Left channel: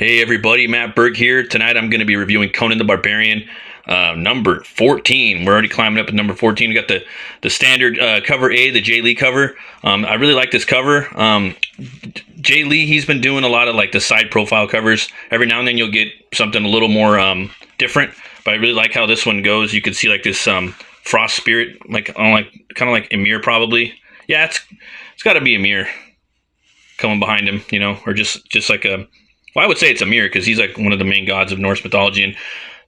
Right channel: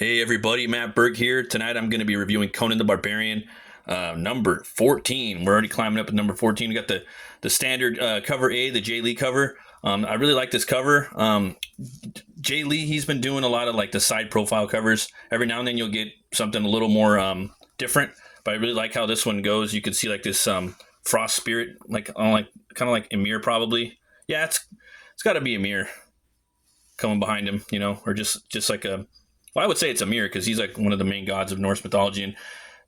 Hey everybody, Matt Berg here. Tonight I'm going to be reviewing Conan the Barbarian, number 14. We're already climbing up at number 14. We got the standard cover A, the Jay Lee cover. I really like this cover. Jay Lee, he's been doing a lot of like the side profile covers. Every now and then you'll get something a little more different, but I really like how this one goes. You can see like this frost spirit, like kind of like Emir probably. Yeah, it's got to be Emir coming behind him, or just like a. Well, I would say it's Emir because he's like one of the main gods of Norse mythology, and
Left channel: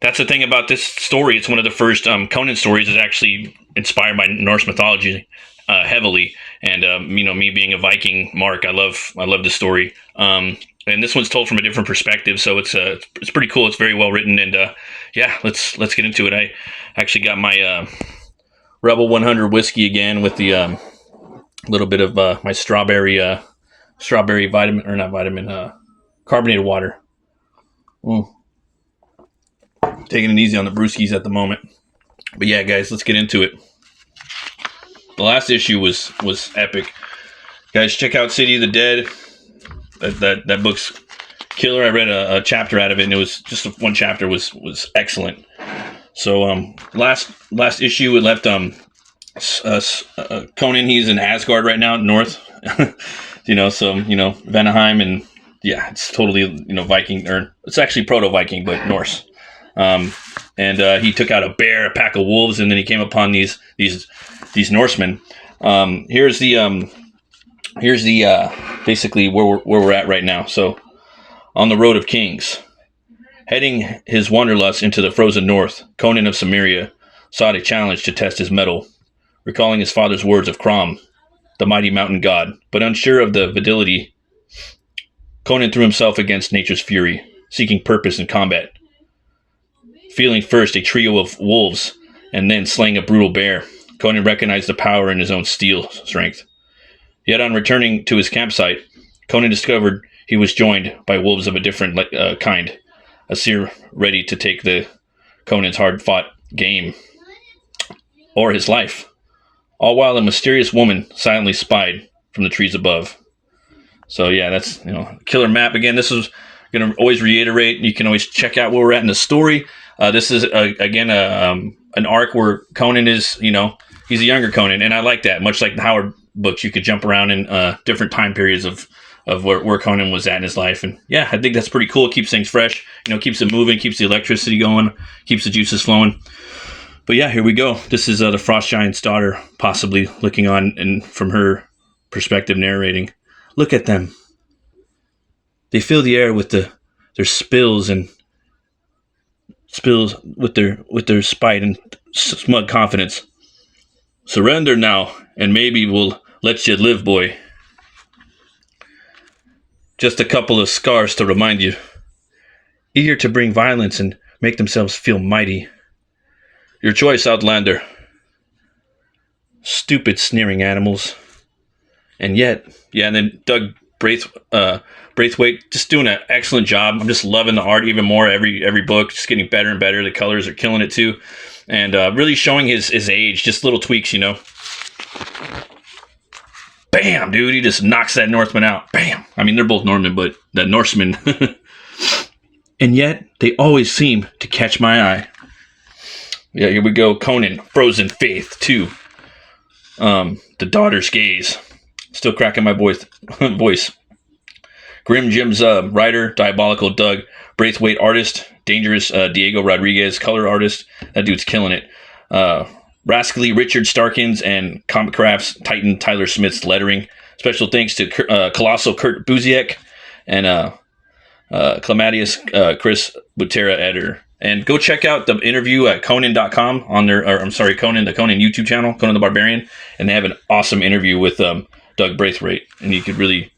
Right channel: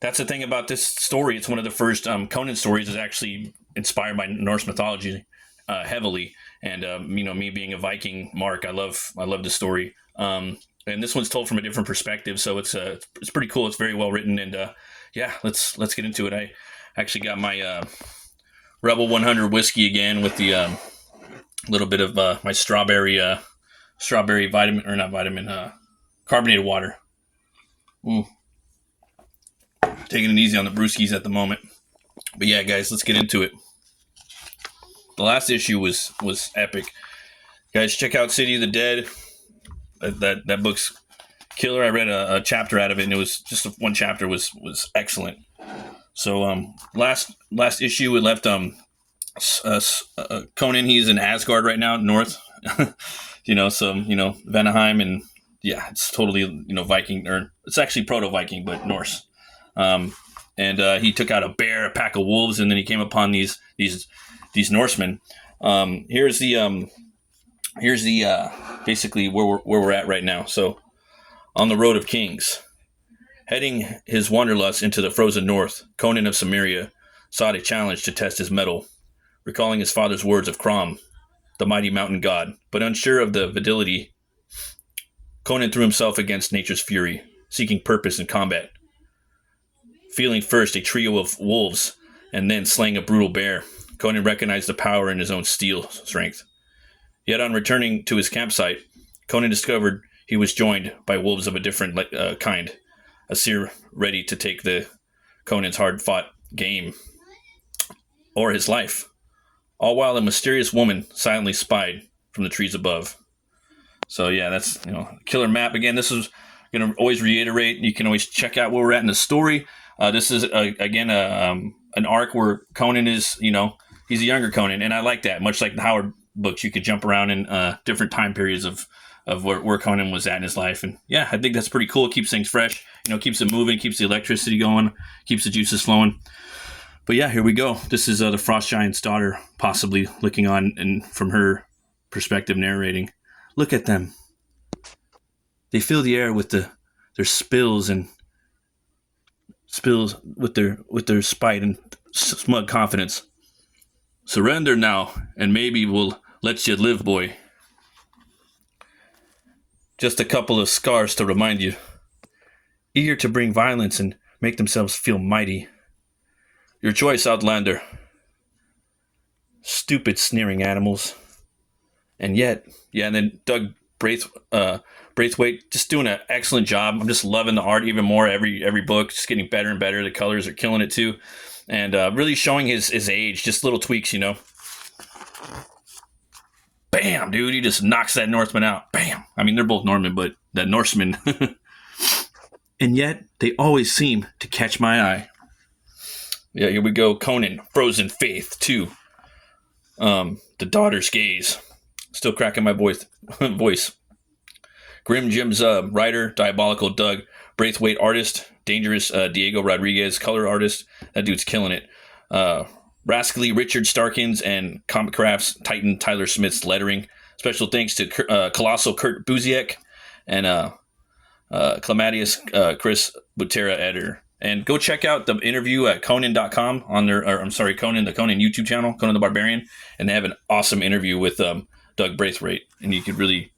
that's the thing about this story. It's one of the first Conan stories that's actually inspired by Norse mythology heavily. And me being a Viking mark, I love the story. And this one's told from a different perspective, so it's pretty cool. It's very well written, and yeah, let's get into it. I actually got my Rebel 100 whiskey again with the little bit of my strawberry vitamin, or not vitamin. Carbonated water. Taking it easy on the brewskis at the moment. But yeah, guys, let's get into it. The last issue was epic. Guys, check out City of the Dead. That book's killer. I read a chapter out of it, and it was just one chapter was excellent. So last issue it left Conan, he's in Asgard right now, north. Vanaheim, and yeah, it's totally, Viking, or it's actually proto-Viking, but Norse. And he took out a bear, a pack of wolves, and then he came upon these Norsemen. Here's the basically where we're at right now. So, on the Road of Kings, heading his wanderlust into the frozen north, Conan of Cimmeria sought a challenge to test his mettle, recalling his father's words of Crom, the mighty mountain god, but unsure of the validity. Conan threw himself against nature's fury, seeking purpose in combat. Feeling first a trio of wolves, and then slaying a brutal bear, Conan recognized the power in his own steel strength. Yet on returning to his campsite, Conan discovered he was joined by wolves of a different kind, a seer ready to take Conan's hard-fought game, or his life, all while a mysterious woman silently spied from the trees above. So yeah, that's killer map. Again, this is going to always reiterate. You can always check out where we're at in the story. This is again an arc where Conan is he's a younger Conan, and I like that. Much like the Howard books, you could jump around in different time periods of where Conan was at in his life, and yeah, I think that's pretty cool. It keeps things fresh. Keeps it moving, keeps the electricity going, keeps the juices flowing. But yeah, here we go. This is the Frost Giant's daughter, possibly looking on and from her perspective, narrating. Look at them. They fill the air with their spills with their spite and smug confidence. Surrender now, and maybe we'll let you live, boy. Just a couple of scars to remind you. Eager to bring violence and make themselves feel mighty. Your choice, Outlander. Stupid, sneering animals. And yet, yeah, and then Doug Braithwaite just doing an excellent job. I'm just loving the art even more every book, just getting better and better. The colors are killing it too, and really showing his age. Just little tweaks, Bam, dude! He just knocks that Northman out. Bam. I mean, they're both Norman, but that Norseman. And yet, they always seem to catch my eye. Yeah, here we go. Conan, Frozen Faith 2. The Daughter's Gaze. Still cracking my voice. Grim Jim's writer, Diabolical Doug Braithwaite artist, Dangerous Diego Rodriguez color artist. That dude's killing it. Rascally Richard Starkins and Comic Crafts Titan Tyler Smith's lettering. Special thanks to Colossal Kurt Buziek and Clematius Chris Butera editor. And go check out the interview at Conan.com on their, the Conan YouTube channel, Conan the Barbarian, and they have an awesome interview with Doug Braithwaite, and he could really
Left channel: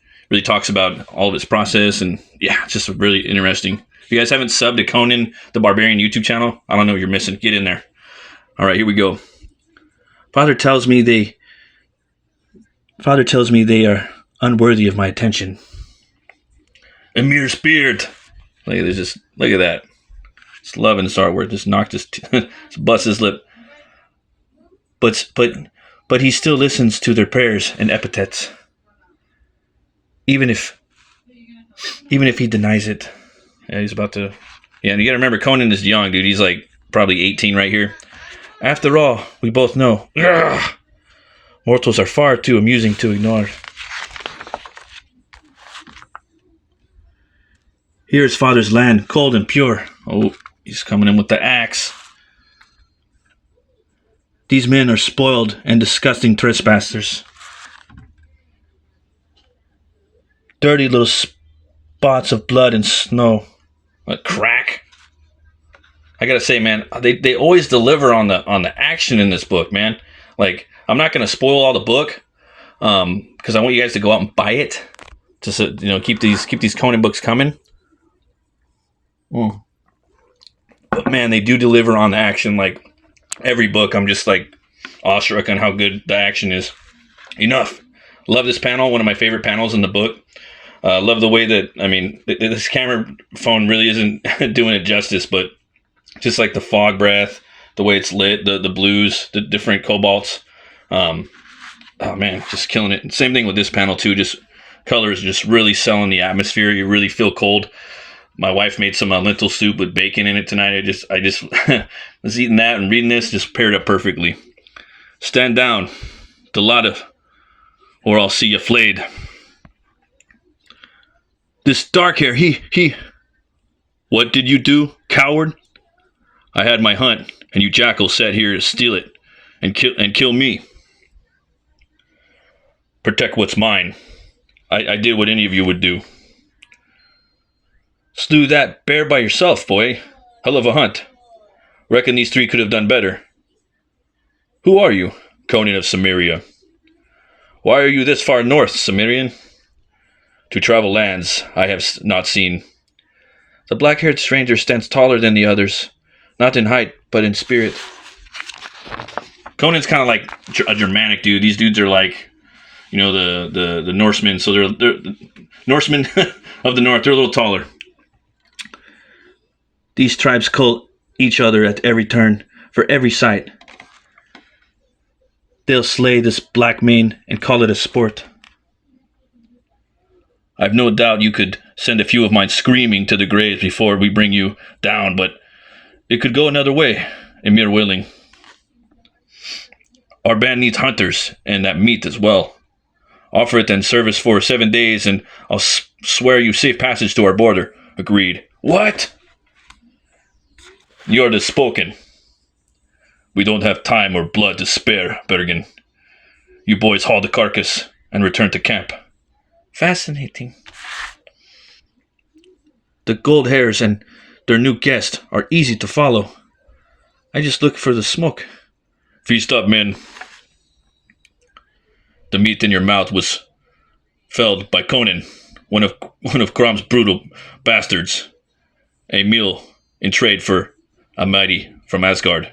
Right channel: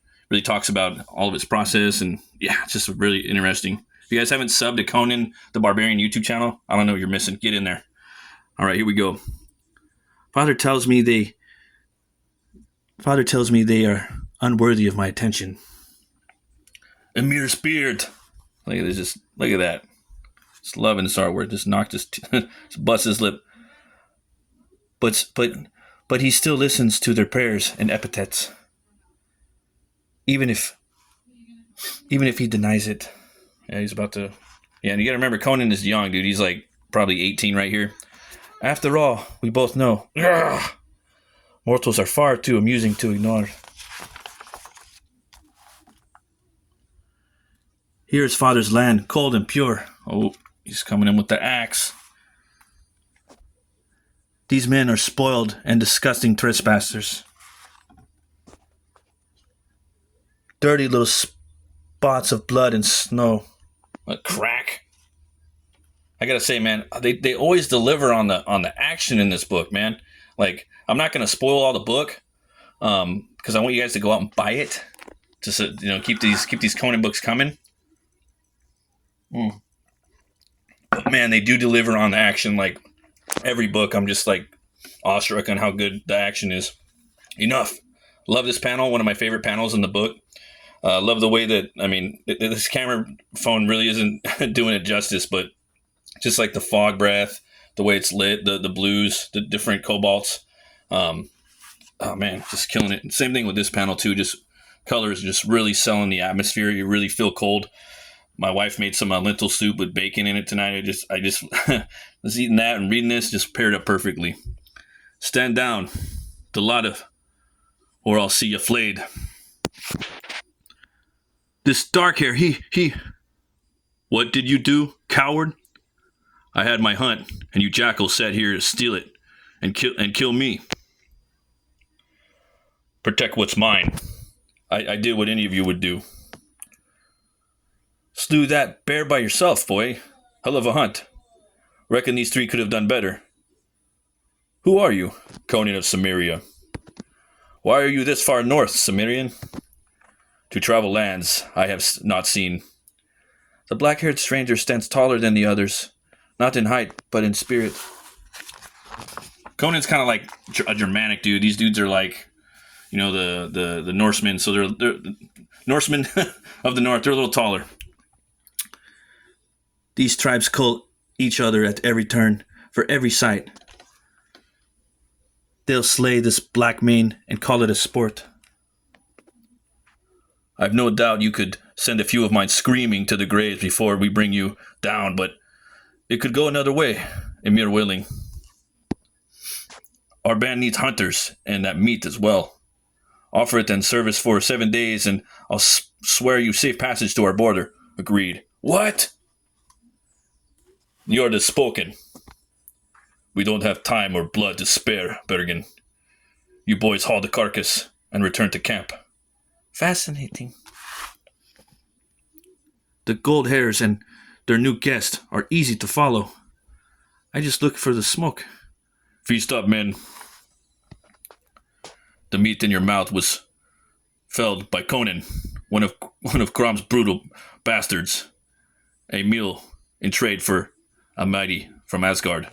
talks about all of his process, and yeah, it's just really interesting. If you guys haven't subbed to Conan the Barbarian YouTube channel, I don't know what you're missing. Get in there. All right, here we go. Father tells me they are unworthy of my attention. Emir's beard. Look at this. Look at that. Just loving this artwork. Just knocked his just bust his lip. But he still listens to their prayers and epithets. Even if he denies it. Yeah, he's about to. Yeah, and you gotta remember, Conan is young, dude. He's like probably 18 right here. After all, we both know. Ugh, mortals are far too amusing to ignore. Here is father's land, cold and pure. Oh, he's coming in with the axe. These men are spoiled and disgusting trespassers. Dirty little spots of blood and snow. What crack? I gotta say, man, they always deliver on the action in this book, man. Like, I'm not gonna spoil all the book, because I want you guys to go out and buy it. Just keep these Conan books coming. But man, they do deliver on the action. Like every book, I'm just like awestruck on how good the action is. Enough. Love this panel. One of my favorite panels in the book. Love the way that, I mean, this camera phone really isn't doing it justice, but just like the fog breath, the way it's lit, the blues, the different cobalts. Oh man, just killing it. Same thing with this panel too. Just colors just really selling the atmosphere. You really feel cold. My wife made some lentil soup with bacon in it tonight. I just was eating that and reading this, just paired up perfectly. Stand down, Delata, or I'll see you flayed. This dark hair, he. What did you do, coward? I had my hunt, and you jackals sat here to steal it and kill me. Protect what's mine. I did what any of you would do. Slew that bear by yourself, boy. Hell of a hunt. Reckon these three could have done better. Who are you, Conan of Samaria? Why are you this far north, Cimmerian? To travel lands I have not seen. The black-haired stranger stands taller than the others, not in height, but in spirit. Conan's kind of like a Germanic dude. These dudes are like, the Norsemen. So they're the Norsemen of the north. They're a little taller. These tribes call each other at every turn, for every sight. They'll slay this black mane and call it a sport. I've no doubt you could send a few of mine screaming to the graves before we bring you down, but it could go another way, Emir willing. Our band needs hunters, and that meat as well. Offer it in service for 7 days, and I'll swear you safe passage to our border. Agreed. What? The order is spoken. We don't have time or blood to spare, Bergen. You boys haul the carcass and return to camp. Fascinating. The gold hairs and their new guest are easy to follow. I just look for the smoke. Feast up, men. The meat in your mouth was felled by Conan, one of Crom's brutal bastards. A meal in trade for a mighty from Asgard.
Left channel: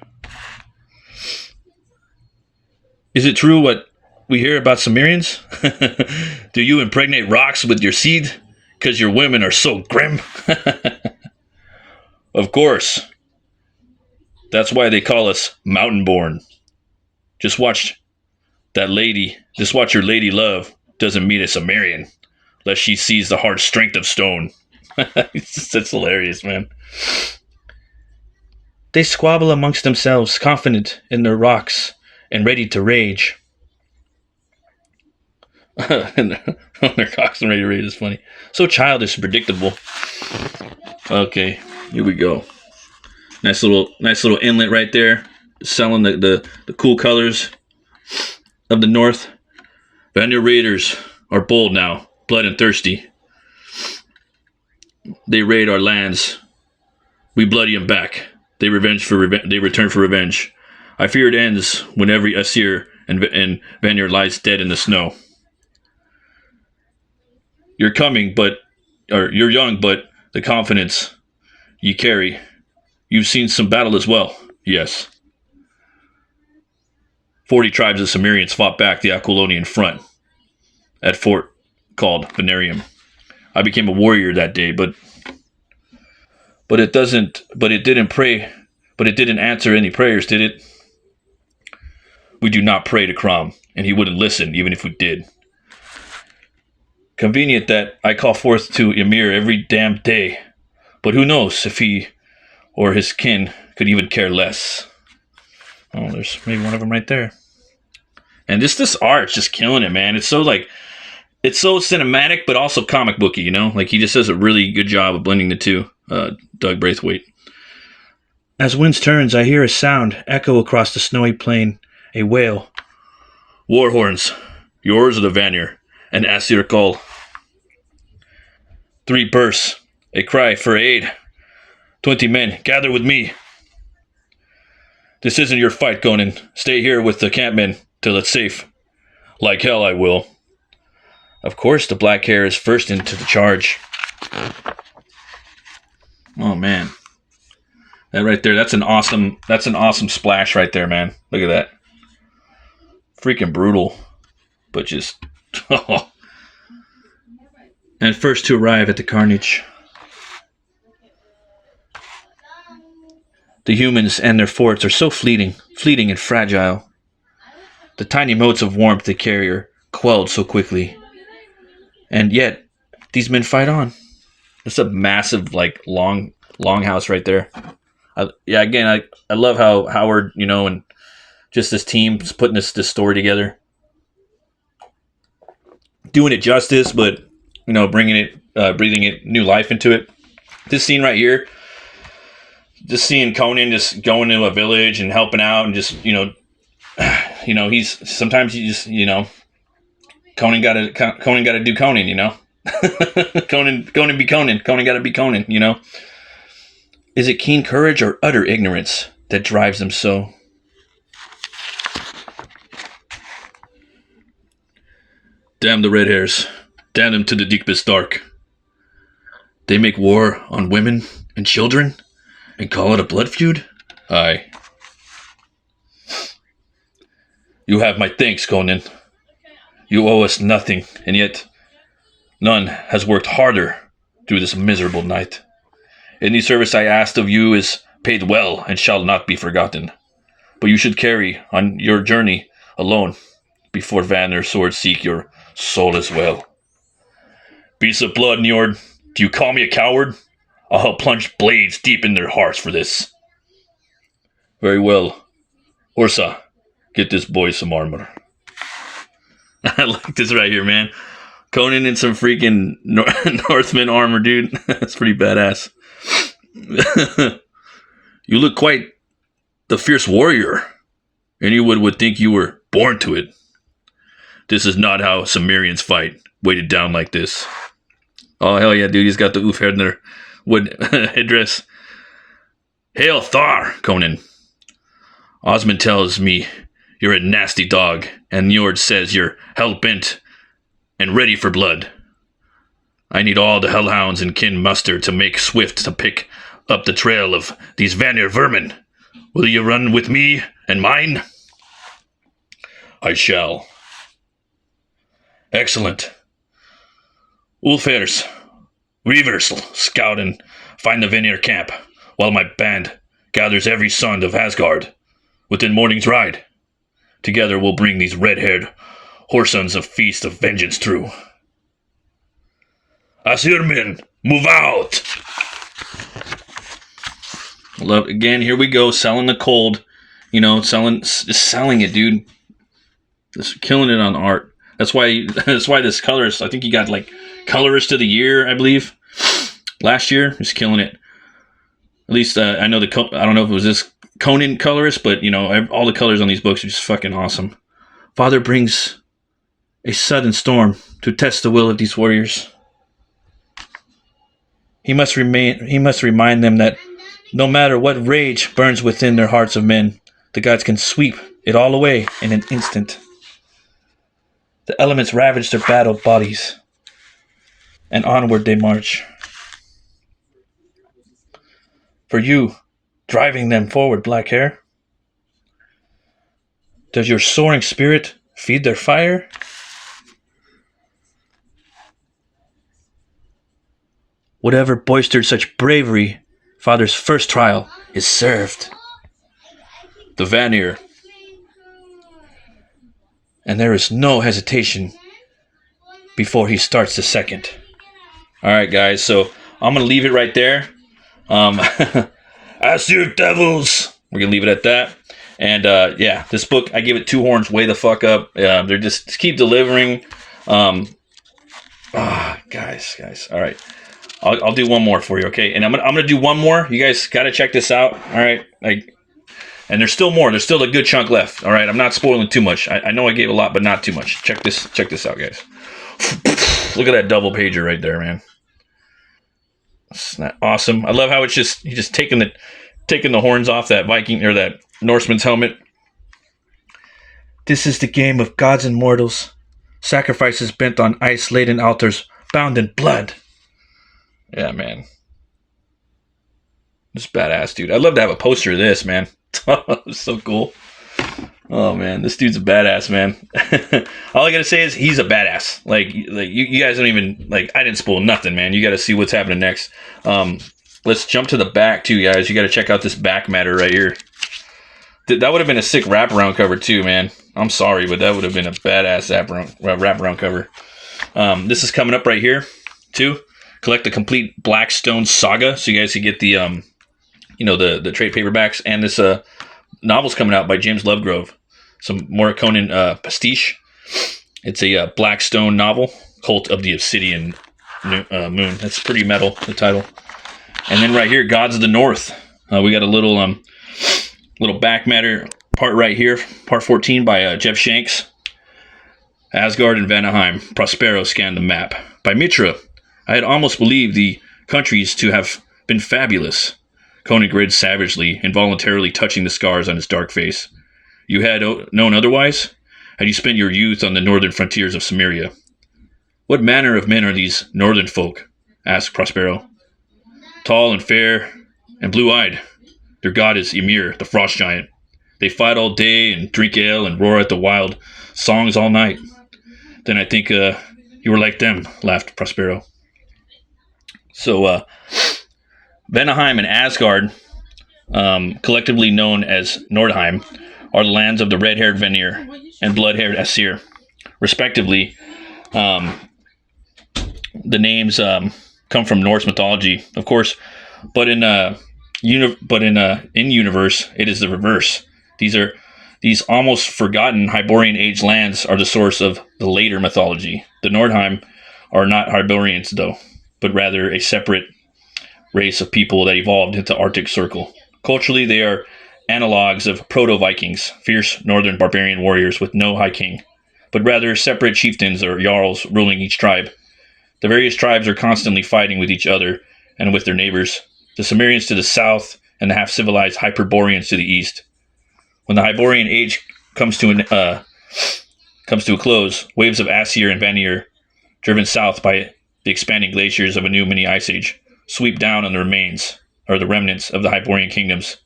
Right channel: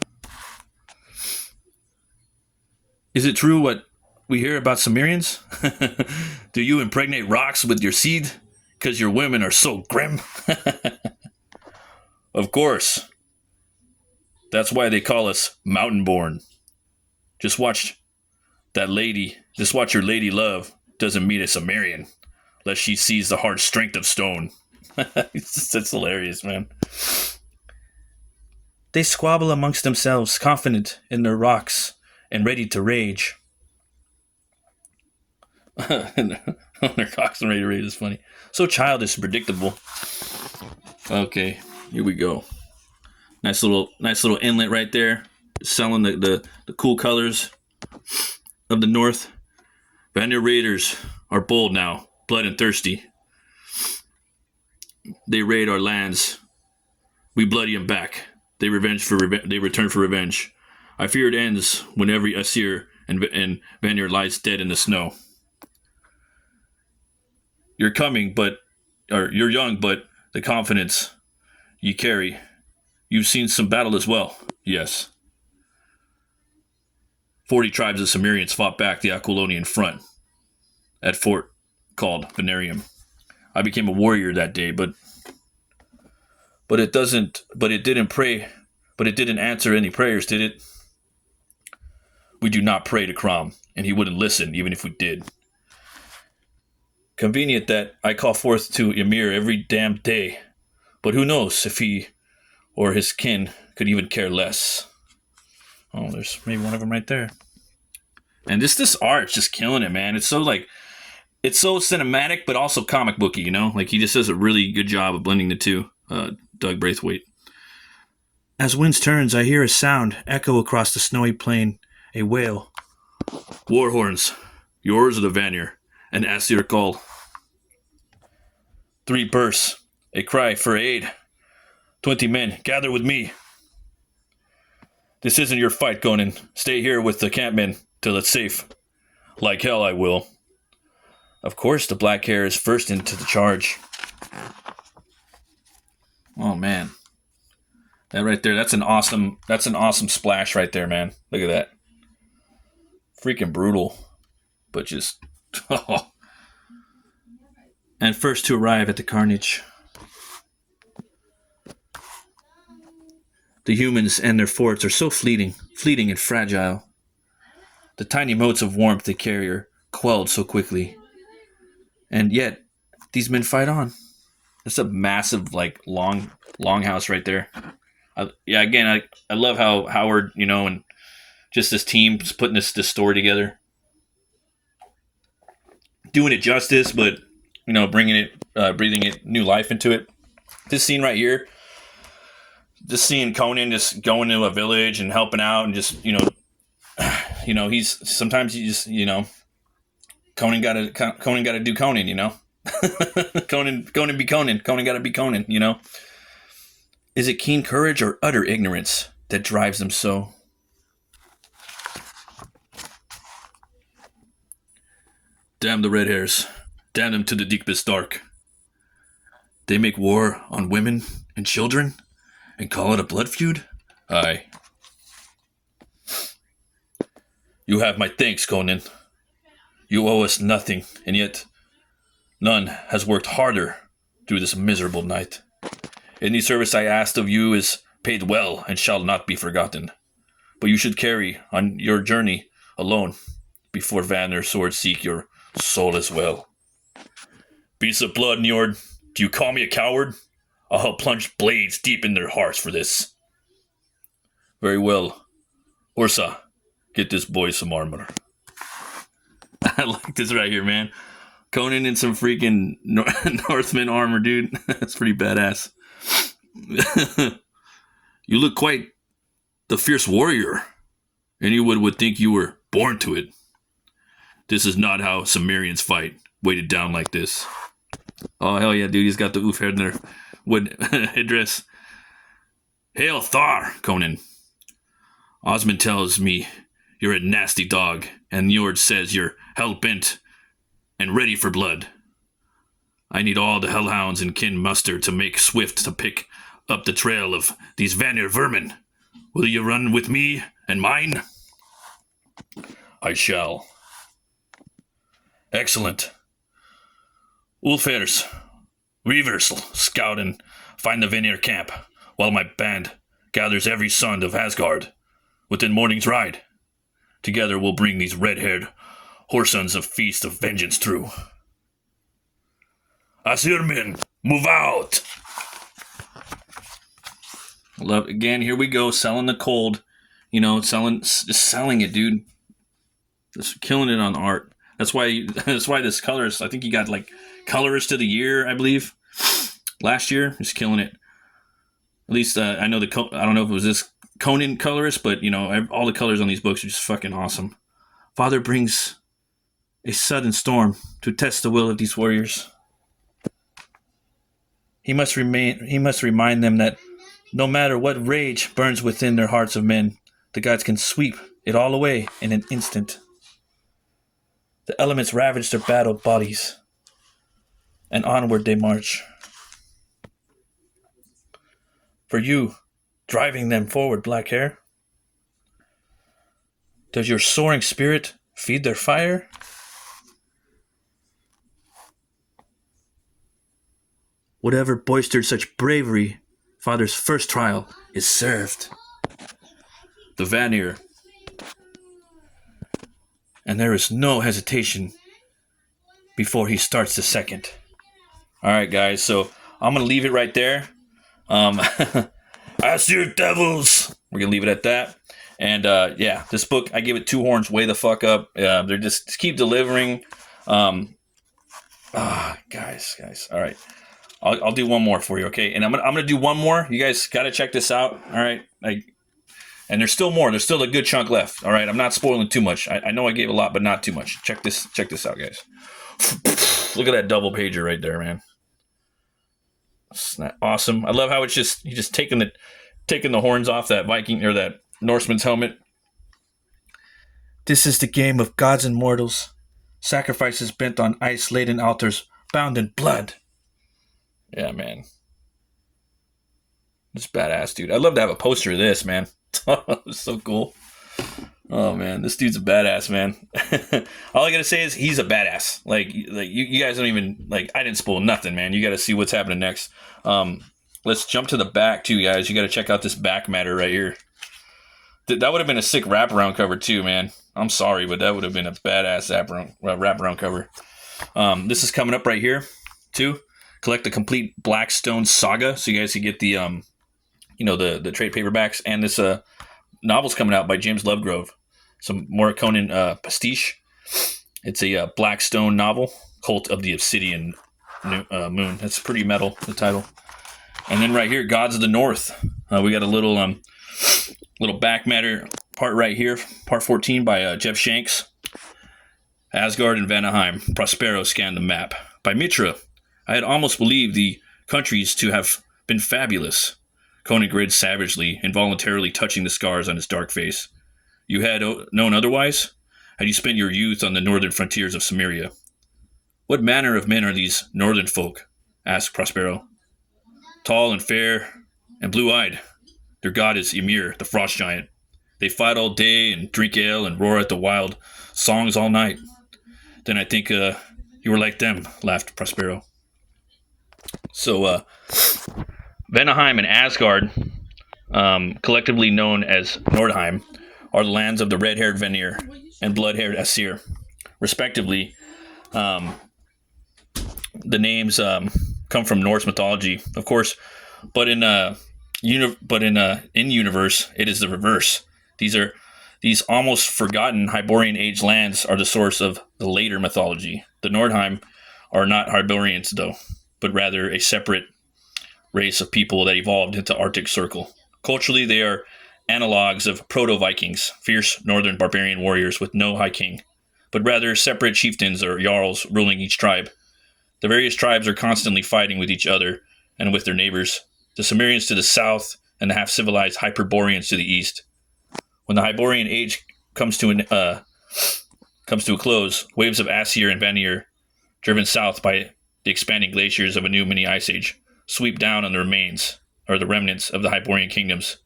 Is it true what we hear about Cimmerians? Do you impregnate rocks with your seed? 'Cause your women are so grim? Of course. That's why they call us mountain-born. Just watch your lady love doesn't meet a Cimmerian, lest she sees the hard strength of stone. That's hilarious, man. They squabble amongst themselves, confident in their rocks and ready to rage. Their cocks and ready to rage is funny. So childish and predictable. Okay, here we go. Nice little inlet right there, selling the cool colors of the north. Vanir raiders are bold now, blood and thirsty. They raid our lands. We bloody them back. They return for revenge. I fear it ends when every Asir and Vanir lies dead in the snow. You're young, but the confidence you carry. You've seen some battle as well. Yes. 40 tribes of Cimmerians fought back the Aquilonian front at fort called Venarium. I became a warrior that day, but it didn't answer any prayers, did it? We do not pray to Crom, and he wouldn't listen even if we did. Convenient that I call forth to Ymir every damn day. But who knows if he or his kin could even care less. Oh, there's maybe one of them right there. And this art's just killing it, man. It's so cinematic, but also comic booky, you know? Like, he just does a really good job of blending the two, Doug Braithwaite. As winds turns, I hear a sound echo across the snowy plain, a wail. War horns, yours or the Vanir, and Asir call. 3 bursts, a cry for aid. 20 men, gather with me. This isn't your fight, Conan. Stay here with the campmen till it's safe. Like hell I will. Of course, the black hair is first into the charge. Oh, man. That right there, that's an awesome splash right there, man. Look at that. Freaking brutal. But just, oh. And first to arrive at the carnage. The humans and their forts are so fleeting and fragile. The tiny motes of warmth they carry are quelled so quickly. And yet, these men fight on. It's a massive, like, long house right there. I love how Howard, you know, and just this team's putting this story together. Doing it justice, but, you know, breathing it new life into it. This scene right here, just seeing Conan just going to a village and helping out and just, you know, sometimes you just, you know, Conan gotta do Conan, you know. Conan be Conan. Conan gotta be Conan, you know. Is it keen courage or utter ignorance that drives them so? Damn the red hairs. Damn them to the deepest dark. They make war on women and children and call it a blood feud? Aye. You have my thanks, Conan. You owe us nothing, and yet none has worked harder through this miserable night. Any service I asked of you is paid well and shall not be forgotten. But you should carry on your journey alone before Vanir's sword seek your soul as well. Beasts of blood, Njord, do you call me a coward? I'll help plunge blades deep in their hearts for this. Very well. Ursa, get this boy some armor. I like this right here, man. Conan in some freaking Northman armor, dude. That's pretty badass. You look quite the fierce warrior. Anyone would think you were born to it. This is not how Cimmerians fight, weighted down like this. Oh, hell yeah, dude. He's got the Ulfhedner wood headdress. Hail Thar, Conan. Osmond tells me you're a nasty dog, and Njord says you're hell-bent and ready for blood. I need all the hellhounds in kin muster to make swift to pick up the trail of these Vanir vermin. Will you run with me and mine? I shall. Excellent. Ulfers, Reavers, scout and find the Vanir camp, while my band gathers every son of Asgard within morning's ride. Together we'll bring these red-haired whoresons a feast of vengeance through. Asirmin, move out! Love again. Here we go, selling the cold. You know, selling it, dude. Just killing it on art. That's why this colorist. I think he got like colorist of the year, I believe, last year. Just killing it. At least I know I don't know if it was this Conan colorist, but you know, all the colors on these books are just fucking awesome. Father brings a sudden storm to test the will of these warriors. He must remind them that no matter what rage burns within their hearts of men, the gods can sweep it all away in an instant. The elements ravage their battle bodies, and onward they march. For you, driving them forward, black hair, does your soaring spirit feed their fire? Whatever boistered such bravery, Father's first trial is served. The Vanir. And there is no hesitation before he starts the second. Alright guys, so I'm going to leave it right there. Aesir devils. We're gonna leave it at that. And yeah, this book, I give it 2 horns way the fuck up. They're just keep delivering. Guys. All right, I'll do one more for you, okay? And I'm gonna do one more. You guys gotta check this out. All right, and there's still more. There's still a good chunk left. All right, I'm not spoiling too much. I know I gave a lot, but not too much. Check this out, guys. Look at that double pager right there, man. Isn't that awesome? I love how it's just he's just taking the horns off that Viking or that Norseman's helmet. This is the game of gods and mortals. Sacrifices bent on ice-laden altars, bound in blood. Yeah, man. This is badass, dude. I'd love to have a poster of this, man. It's so cool. Oh, man. This dude's a badass, man. All I gotta say is he's a badass. Like you guys don't even... Like, I didn't spoil nothing, man. You gotta see what's happening next. Let's jump to the back, too, guys. You gotta check out this back matter right here. That would have been a sick wraparound cover, too, man. I'm sorry, but that would have been a badass wraparound cover. This is coming up right here, too. Collect the complete Blackstone saga, so you guys can get the, the trade paperbacks. And this novel's coming out by James Lovegrove. Some more Conan pastiche. It's a Blackstone novel, Cult of the Obsidian Moon. That's pretty metal, the title. And then right here, Gods of the North. We got a little back matter part right here, part 14 by Jeff Shanks. Asgard and Vanaheim. Prospero scanned the map. By Mitra. I had almost believed the countries to have been fabulous. Conan grinned savagely, involuntarily touching the scars on his dark face. You had known otherwise? Had you spent your youth on the northern frontiers of Cimmeria? What manner of men are these northern folk? Asked Prospero. Tall and fair and blue-eyed. Their god is Ymir, the frost giant. They fight all day and drink ale and roar at the wild songs all night. Then I think you were like them, laughed Prospero. So, Vanaheim and Asgard, collectively known as Nordheim, are the lands of the red-haired Vanir and blood-haired Aesir, respectively. The names come from Norse mythology, of course, but in universe, it is the reverse. These almost forgotten Hyborian age lands are the source of the later mythology. The Nordheim are not Hyborians, though, but rather a separate race of people that evolved into the Arctic Circle. Culturally, they are analogs of proto-Vikings, fierce northern barbarian warriors with no high king, but rather separate chieftains or jarls ruling each tribe. The various tribes are constantly fighting with each other and with their neighbors, the Cimmerians to the south and the half-civilized Hyperboreans to the east. When the Hyborian age comes to a close, waves of Aesir and Vanir, driven south by the expanding glaciers of a new mini ice age, sweep down on the remains, or the remnants of the Hyborian kingdoms,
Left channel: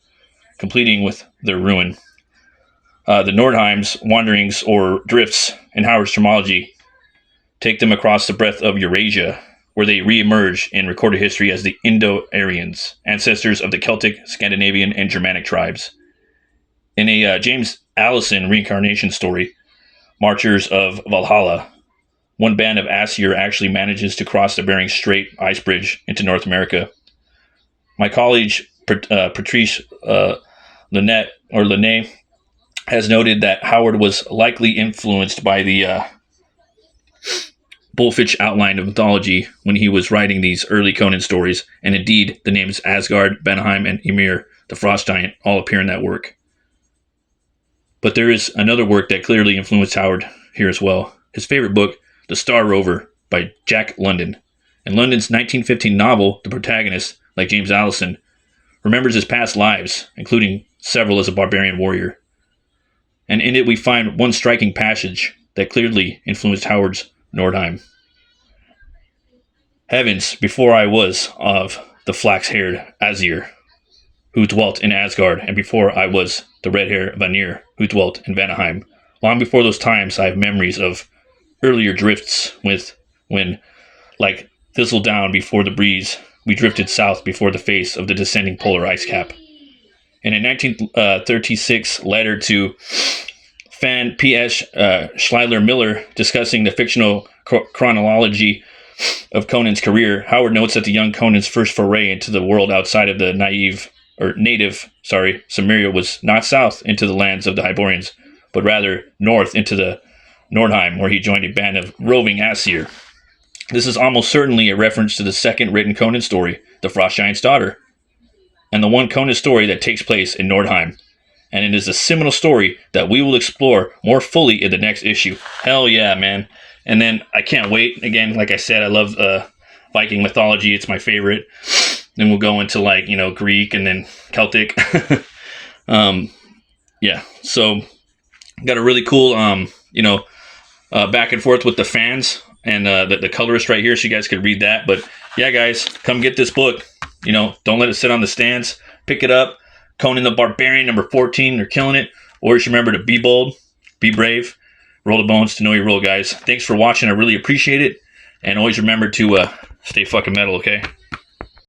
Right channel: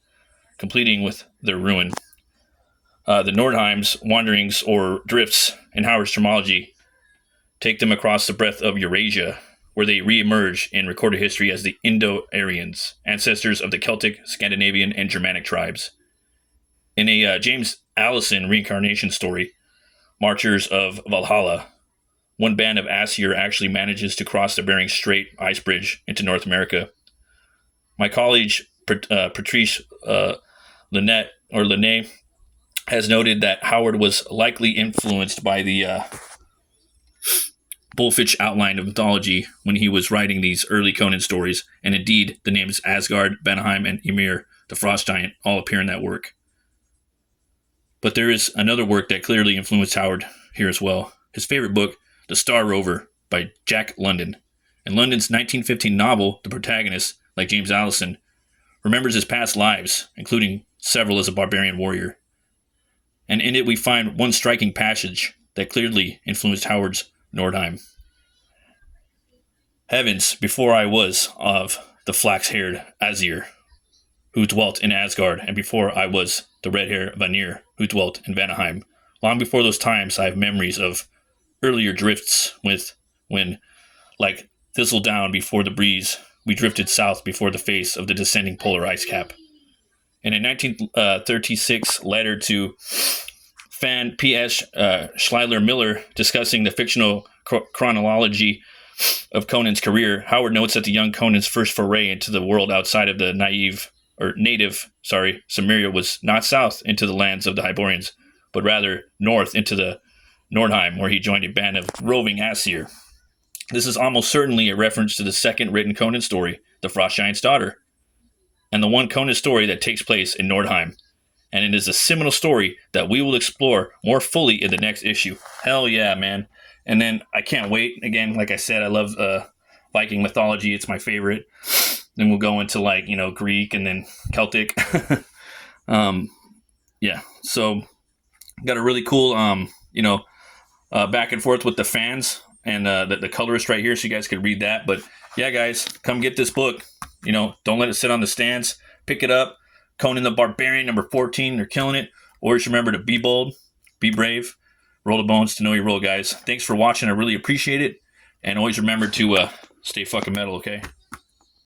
completing with their ruin. The Nordheim's wanderings or drifts in Howard's terminology take them across the breadth of Eurasia, where they re-emerge in recorded history as the Indo-Aryans, ancestors of the Celtic, Scandinavian, and Germanic tribes. In a James Allison reincarnation story, Marchers of Valhalla, one band of Aesir actually manages to cross the Bering Strait ice bridge into North America. My colleague, Patrice Linnet, has noted that Howard was likely influenced by the Bullfinch outline of mythology when he was writing these early Conan stories, and indeed, the names Asgard, Vanaheim, and Ymir, the frost giant, all appear in that work. But there is another work that clearly influenced Howard here as well. His favorite book, The Star Rover, by Jack London. In London's 1915 novel, the protagonist, like James Allison, remembers his past lives, including several as a barbarian warrior. And in it we find one striking passage that clearly influenced Howard's Nordheim. Heavens, before I was of the flax-haired Aesir, who dwelt in Asgard, and before I was the red-haired Vanir, who dwelt in Vanaheim. Long before those times, I have memories of earlier drifts when, like thistledown before the breeze, we drifted south before the face of the descending polar ice cap. In a 1936 letter to Fan P.S. Schleiler Miller discussing the fictional chronology of Conan's career, Howard notes that the young Conan's first foray into the world outside of the native Samaria was not south into the lands of the Hyborians, but rather north into the Nordheim, where he joined a band of roving Aesir. This is almost certainly a reference to the second written Conan story, The Frost Giant's Daughter, and the one Conan story that takes place in Nordheim. And it is a seminal story that we will explore more fully in the next issue. Hell yeah, man. And then I can't wait. Again, like I said, I love Viking mythology. It's my favorite. Then we'll go into Greek and then Celtic. Yeah. So got a really cool, back and forth with the fans and the colorist right here, so you guys could read that. But yeah, guys, come get this book. Don't let it sit on the stands. Pick it up. Conan the Barbarian, number 14. They're killing it. Always remember to be bold, be brave, roll the bones to know your role, guys. Thanks for watching. I really appreciate it. And always remember to stay fucking metal, okay?